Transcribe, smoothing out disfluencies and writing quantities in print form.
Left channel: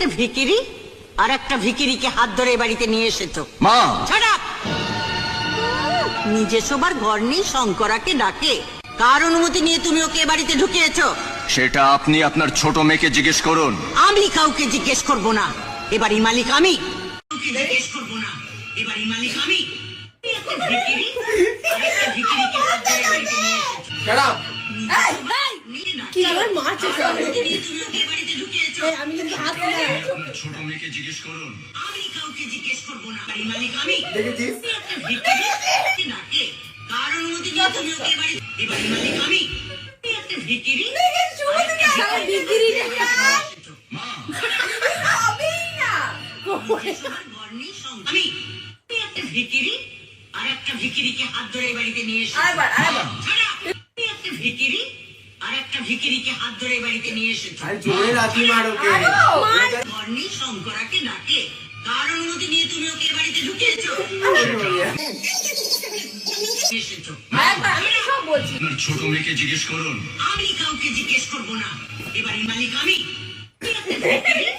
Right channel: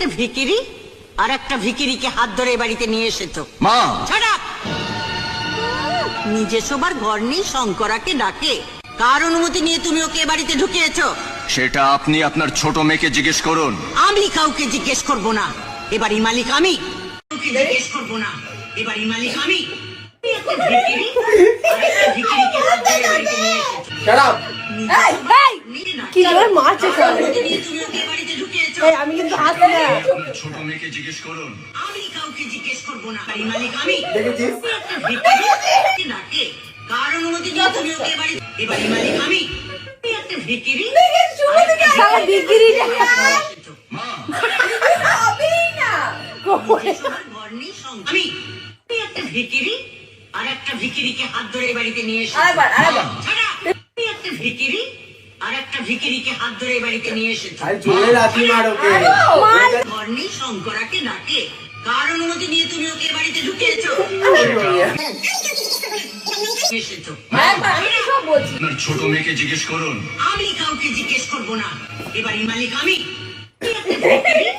একটা ভিখিরি আর একটা ভিখিরিকে হাত ধরে বাড়িতে নিয়ে এসেছো। মা, Shut up! নিজে সবার ঘর নেই, শঙ্করাকে ডাকে। কার অনুমতি নিয়ে তুমি ওকে বাড়িতে ঢুকিয়েছো? সেটা আপনি আপনার ছোট মেয়েকে জিজ্ঞেস করুন। আমি কাউকে জিজ্ঞেস করব না, এবারই মালিক আমি। কাউকে জিজ্ঞেস করব না, এবারই মালিক আমি। ভিখিরি আর একটা ভিখিরিকে হাত ধরে বাড়িতে নিয়ে এসেছো। কি জোর মারছে সবাই। তুমি ওকে বাড়িতে ঢুকিয়েছো। এই আমি কিন্তু হাসি না। ছোট মেয়েকে জিজ্ঞেস করুন। আমি কাউকে জিজ্ঞেস করব না, এবারই মালিক আমি। ভিখিরি ডাকে। কার অনুমতি নিয়ে তুমি ওকে বাড়িতে? এবারই মালিক আমি। একটা ভিখিরি শালা বিক্রিটা মা, আমি একটা ভিখিরি আর একটা ভিখিরিকে হাত ধরে বাড়িতে নিয়ে এসেছি। একটা ভিখিরি আর একটা ভিখিরিকে হাত ধরে বাড়িতে নিয়ে এসেছি। ঘর নেই, শঙ্করাকে ডাকে। কার অনুমতি নিয়ে তুমি ওকে বাড়িতে ঢুকিয়েছো? এসেছো। সব বলছি। আপনার ছোট মেয়েকে জিজ্ঞেস করুন। আমি কাউকে জিজ্ঞেস করব না, এবারই মালিক আমি। একটা ভিখিরি